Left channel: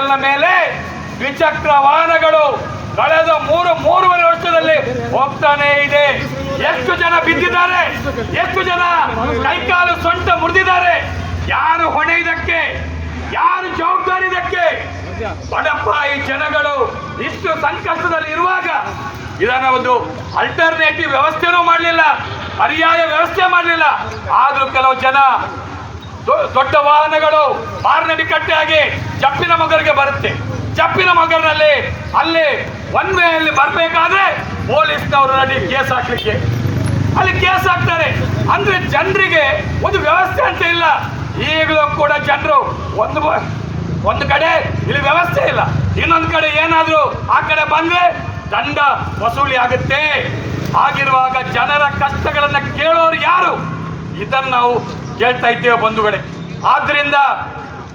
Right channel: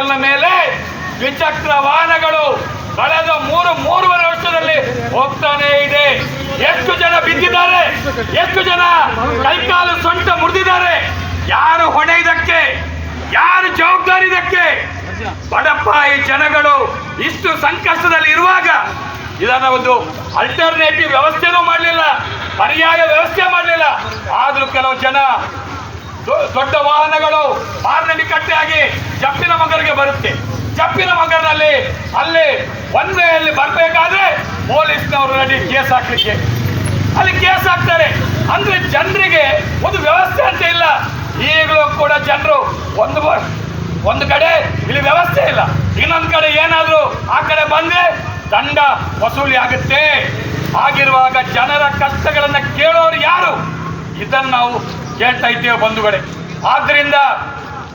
ಸರ್ಕಲ್ನ ಮೇಲೆ ದ್ವಿಚಕ್ರ ವಾಹನಗಳು ಕಳೆದ ಮೂರುವರೆ ವರ್ಷದಲ್ಲಿ ಹೋಗ್ತಾನೆ ಇದೆ. ಎಷ್ಟು ಜನ ಬಿದ್ದಿದ್ದಾರೆ, ಎಷ್ಟು ಜನ ಕೈಕಾಲು ಸೊಂಟ ಮುರಿದಿದ್ದಾರೆ. ಯಾರು ಹೊಣೆ ಇದಕ್ಕೆ? ಯಾರು ಜವಾಬ್ದಾರಿ ಇದಕ್ಕೆ? ಬಡಪಾಯಿ ಜನಗಳು ಇಷ್ಟು ಸಂಕಷ್ಟದಲ್ಲಿ ಇರುವಾಗ ಇದನ್ನ ಒಂದು ಅಲ್ಟರ್ನೇಟಿವ್ ವ್ಯವಸ್ಥೆನೂ ಮಾಡಲಿಲ್ಲ, ಪರ್ಯಾಯ ವ್ಯವಸ್ಥೆ ಮಾಡಲಿಲ್ಲ. ಆದ್ರೂ ಕೆಲವು ಜನ ದೊಡ್ಡ ವಾಹನಗಳು ಮಾರ್ನಡಿ ಕಟ್ಟೆಯಾಗಿ ಜಪ್ಪಿನ ಮಗರಿಗೆ ಬರುತ್ತೆ. ಜಪ್ಪಿನ ಮಗನಲ್ಲಿ ಅಲ್ಲಿ ಒನ್ ವೇಯಲ್ಲಿ ಬರಬೇಕಾದ್ರೆ ಪೊಲೀಸ್ನವರು ರೆಡಿ ಕೇಸ್ ಹಾಕ್ಲಿಕ್ಕೆ ಅಲ್ಲಿ ಕೇಸ್ ಹಾಕ್ತಾರೆ. ಅಂದ್ರೆ ಜನರಿಗೆ ಒಂದು ವ್ಯವಸ್ಥೆ ಅಂತ ಇಲ್ಲ. ಈಗಲೂ ಕೂಡ ಜನರು ಒಂದು ಕಡೆ ಇಲ್ಲಿ ವ್ಯವಸ್ಥೆ ಇಲ್ಲ, ಇನ್ನೊಂದು ಕಡೆ ಏನಾದ್ರು ಆ ಕಡೆ ಬಂದ್ರೆ ದಂಡ ವಸೂಲಿ ಆಗುತ್ತೆ. ಆಗಿರುವಾಗ ಜನರ ಕಷ್ಟಗಳನ್ನ ಕೇಳೋರು ಯಾರು? ಇದನ್ನು ನಾವು ಕೇಳ್ತಾ ಇದ್ದೇವೆ ಬಂಧುಗಳೇ. ಆದ್ರಿಂದ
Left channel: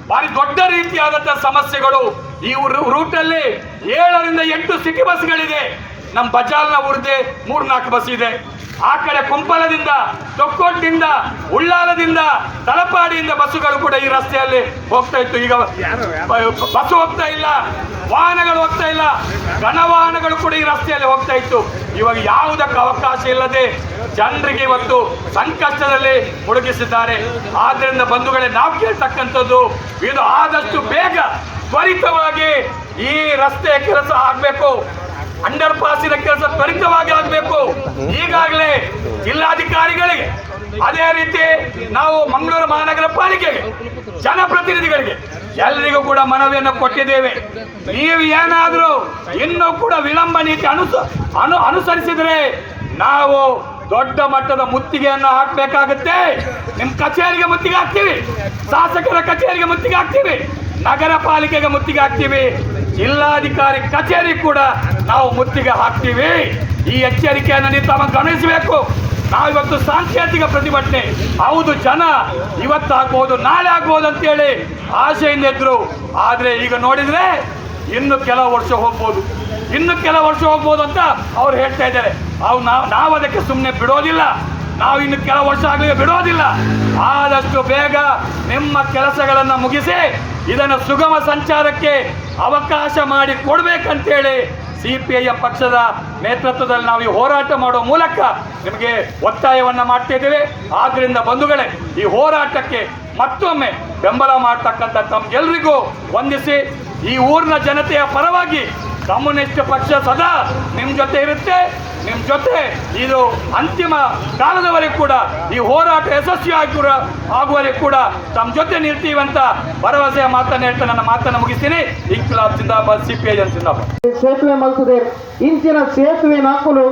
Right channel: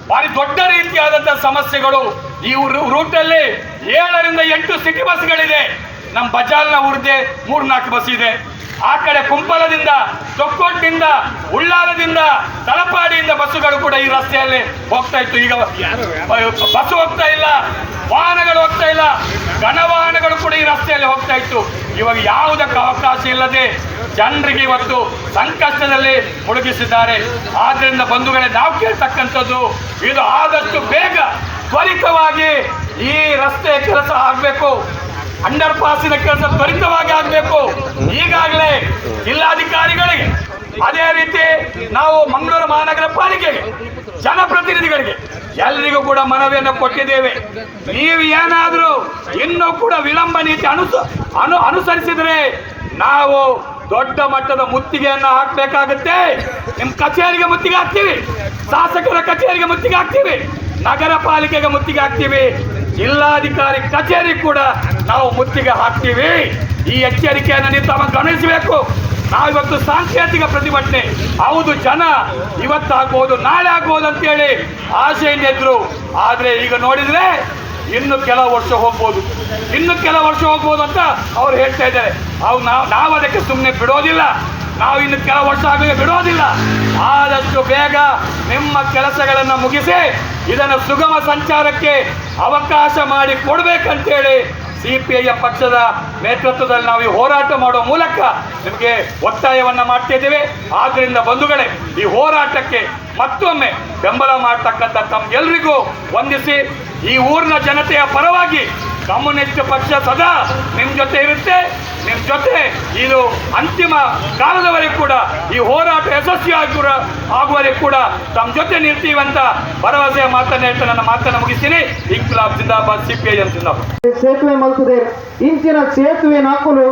ಭಾರಿ ದೊಡ್ಡ ರೀತಿಯಾದಂತಹ ಸಮಸ್ಯೆಗಳು ಈ ರೂಟಲ್ಲಿ 7ರಿಂದ 8 ಸಿಟಿ ಬಸ್ಗಳಿದೆ. ನಮ್ಮ ಬಜಾರ್ನ ಊರದೆ 3-4 ಬಸ್ ಇದೆ. ಆ ಕಡೆ ಕುಂಪಲದಿಂದ, ತೊಕ್ಕೋಟ್ನಿಂದ, ಉಳ್ಳಾಲದಿಂದ, ತಲಪಾಡಿಯಿಂದ ಬಸ್ಸುಗಳು ಕೂಡ ಈ ರಸ್ತೆಯಲ್ಲಿ ಹೋಗ್ತಾ ಇತ್ತು. ಈಗ ಬಸ್ ಹೋಗ್ತಾ ಇಲ್ಲ, ವಾಹನಗಳು ಹೋಗ್ತಾ ಇಲ್ಲ, ಘನವಾಹನಗಳು ಕೂಡ ಈ ರಸ್ತೆಯಲ್ಲಿ ಹೋಗ್ತಾ ಇತ್ತು. ಇವಾಗ ಯಾವುದಕ್ಕೆ ಅವಕಾಶ ಇಲ್ಲದೆ ಜನರಿಗೆ ಇವತ್ತು ಸಂಕಷ್ಟದಲ್ಲಿ ಮುಳುಗಿಸಿದ್ದಾರೆ. ಆದ್ರಿಂದ ಬಂಧುಗಳೇ, ನಾವು ಕೇಳ್ತಕ್ಕಂಥದ್ದು ಇದು ಆದಷ್ಟು ಬೇಗ ತ್ವರಿತವಾಗಿ ಈ ರಸ್ತೆ ಕೆಲಸ ಆಗಬೇಕು, ಅಂಡರ್ ಪಾಸಿನ ಕೆಲಸ ತ್ವರಿತವಾಗಿ ಆಗಬೇಕು. ಈಗಾಗಲೇ ಜಿಲ್ಲಾಧಿಕಾರಿಗಳಿಗೆ, ಅದೇ ರೀತಿ ನಾವು ಮಂಗಳೂರು ಮಹಾನಗರ ಪಾಲಿಕೆಗೆ, ಜನಪ್ರತಿನಿಧಿಗಳಿಗೆ ಎಲ್ಲರಿಗೂ ಕೂಡ ಮನವಿಯನ್ನು ಕೊಟ್ಟಿದ್ದೇವೆ. ನೀವು ಏನಾದರೂ ಇನ್ನೂ ಕೂಡ ವಿಳಂಬ ನೀತಿ ಅನುಸರಿಸಿದರೆ ನಾವು ದೊಡ್ಡ ಮಟ್ಟದ ಮುತ್ತಿಗೆಯನ್ನು ಹಾಕಬೇಕಾಗುತ್ತೆ. ನಿಮ್ಮ ಕಚೇರಿಗೆ ಮುತ್ತಿಗೆ ಹಾಕ್ತೀವಿ, ಶಾಸಕರ ಕಚೇರಿಗೆ ಮುತ್ತಿಗೆ ಹಾಕ್ತೀವಿ, ನಗರ ಪಾಲಿಕೆಗೆ ಮುತ್ತಿಗೆ ಹಾಕ್ತೀವಿ, ಜಿಲ್ಲಾಧಿಕಾರಿ ಕಚೇರಿ ಕೂಡ ನಾವು ಮುತ್ತಿಗೆ ಹಾಕ್ತೀವಿ. ಈ ಎಚ್ಚರಿಕೆಯನ್ನು ನೀವು ತಾವು ಗಮನಿಸಬೇಕು. ನಾವಿವತ್ತು ಸಾಂಕೇತಿಕ ಪ್ರತಿಭಟನೆ, ಹೌದು ಜನ ಇವತ್ತು ಆಗ್ಬೋದು ನಾಳೆ ಆಗ್ಬೋದು ಅಂತೇಳಿ ಆಶೆಯಿಂದ ಇದ್ರು. ಆದ್ರೆ ಈಗ ನೋಡಿದ್ರೆ ಇನ್ನು ಕೆಲವು ವರ್ಷ ಹೋಗ್ಬೋದು, ಅಂತ ಅವ್ರು ಹೇಳ್ತಾ ಇದ್ದಾರೆ. ನಾವು ಅದಕ್ಕೆ ಸುಮ್ಮನೆ ಬಿಡೋದಿಲ್ಲ, ನಾವು ಇನ್ನು ಕೆಲವು ವರ್ಷ ಆಗುವ ಬಿಡೋದಿಲ್ಲ. ಆದಷ್ಟು ಬೇಗ ನಿಮ್ಮ ಕೆಲಸಗಳನ್ನು ಮುಗಿಸಿ ಇದನ್ನು ಸುಗಮ ಸಂಚಾರಕ್ಕೆ ಅವಕಾಶ ಮಾಡಿ ಕೊಡ್ಬೇಕಂತೇಳಿ ಸಿಪಿಐ ಪಕ್ಷದ ನೇತೃತ್ವದಲ್ಲಿ ನಾವು ಹೋರಾಟ ಮಾಡುವ ಮೂಲಕ ನಿಮಗೆ ಒತ್ತಾಯವನ್ನ ಮಾಡ್ತಿದ್ದೇವೆ. ಆದ್ರಿಂದ ಬಂಧುಗಳೇ, ಈ ಹೋರಾಟಕ್ಕೆ ಮತ್ತೊಮ್ಮೆ ಬೆಂಬಲ ಮಾಡ್ತಕ್ಕಂಥ ತಮ್ಗೆಲ್ರಿಗೂ ವಂದಿಸಿ, ಈ ಊರಿನ ಜನತೆಯ ಪರವಾಗಿ ಕಮ್ಯುನಿಸ್ಟ್ ಪಕ್ಷ ಸದಾ ನಿಮ್ಮ ಜೊತೆ ಇರುತ್ತೆ. ನಿಮ್ಮ ಜೊತೆ ಇದು ಅಂತಿಮ ಕಾಲದವರೆಗೂ ಕೂಡ ಈ ಹೋರಾಟ ಯಶಸ್ವಿ ಆಗುವವರೆಗೂ ಕೂಡ ತಮ್ಮ ಜೊತೆ ನಿಲ್ತೀವಿ ಅಂತ ಭರವಸೆಯ ಮಾತನ್ನ ಹೇಳ್ತಾ ನನ್ನ ಮಾತನ್ನು ಮುಗಿಸ್ತೀನಿ. ಇನ್ಕ್ಲಾಬ್ ಜಿಂದಾಬಾದ್, ಸಿಪಿಐ ಜಿಂದಾಬಾದ್. ಸೇತುವೆ ಮಲ್ತದೆ ಇಂಚಿನ ಸೇತುವೆ ನಾಕಲು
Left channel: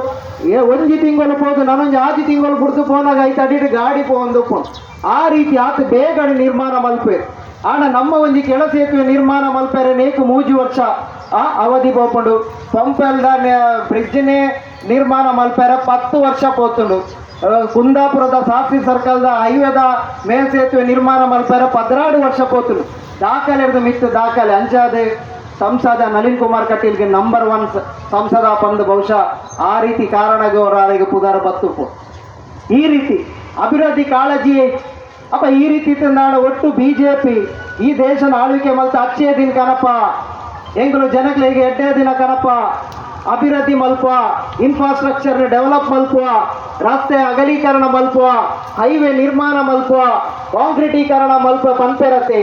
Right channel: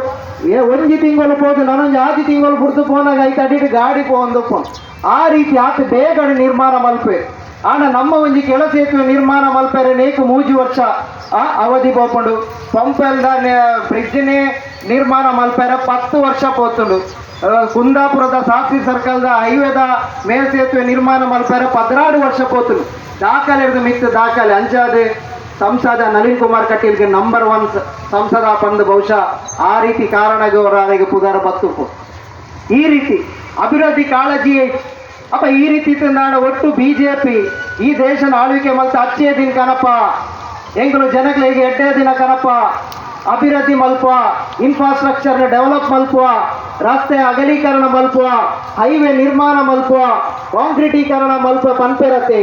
ಒಂಜಿ ತಿಂಗಳು ಪೋದು ನನೊಂದು 6 ತಿಂಗಳು ಬಿಡ್ದು ಪೋನಾಗ ಐತೆ ಅಡ್ಡಿ ಗಾಡಿ ಪೋಂದು ಆ ರೀತಿ ಆತ ಬೇಗ ನಿರ್ಮಾಣ ಮಲ್ಪೆ. ಆಣ ನಮ್ಮ ಒಂಜಿ ಕೆಳ ಸೇತುವೆ ನಿರ್ಮಾಣ ಮಲ್ಪರೆ ನೇಕು 3 ವರ್ಷ ಅವಧಿ ಬೋಪುಂಡು. ಪಂಪೆಲ್ದ ಬ್ರಿಡ್ಜ್ನೇ ನಿರ್ಮಾಣ ಮಲ್ಪರೆ 10 ವರ್ಷ ಪೋತುಂಡು. ಕುಂದಾಪುರದ ಶಾಸ್ತ್ರಿ ಸರ್ಕಲ್ದ ಹೈವೇದ ಮೇಲ್ಸೇತುವೆ ನಿರ್ಮಾಣ ಮಲ್ಪರೆ 16 ವರ್ಷ ಪೋತುಂಡು. ದಾಖಲೆ ಮಿತ್ತು ದಾಖಲೆ ಅಂಚಾದೆ ಸಂಸದ ನಳಿನ್ ಕುಮಾರ್ ಕಟೀಲ್ಗೆ ನಂಬರ್ 1 ಸಂಸದ ಪಂದು ಬಹುಶಃ ಆ ರೀತಿ ಕಾರಣದವರಿಗೆ ಪುಗಾರ ಬತ್ತುಪು. ಈ ರೀತಿ ಅಭಿವೃದ್ಧಿ ಕಾಳಜಿ ಅಪ್ಪ ಈ ರೀತಿ ನಾನು ಒಟ್ಟು ಬಿಜೆಪಿ ಈ ದೇಶನ ಆಳ್ವಿಕೆ ಮಲ್ತ ಅಚ್ಚೇ ದಿನ ಕನಪ ಎಂಗಳು ಜನಗಳಿಗೆ ಎಡ್ಡೇ ದಿನ ಕನಪ ಅಭಿವೃದ್ಧಿ ಮಲ್ಪುವ, ಇನ್ಫ್ರಾಸ್ಟ್ರಕ್ಚರ್ ಡೆವಲಪ್ ಮಲ್ಪುವ, ರಸ್ತೆ ಅಗಲೀಕರಣ ಮಲ್ಪುವ, ಹೈವೇ ನಿರ್ಮಾಣ ಮಲ್ಪುವ, ಕಾಂಕ್ರೀಟೀಕರಣ ಮಲ್ಪುವ ಪಂಪೆರತೆ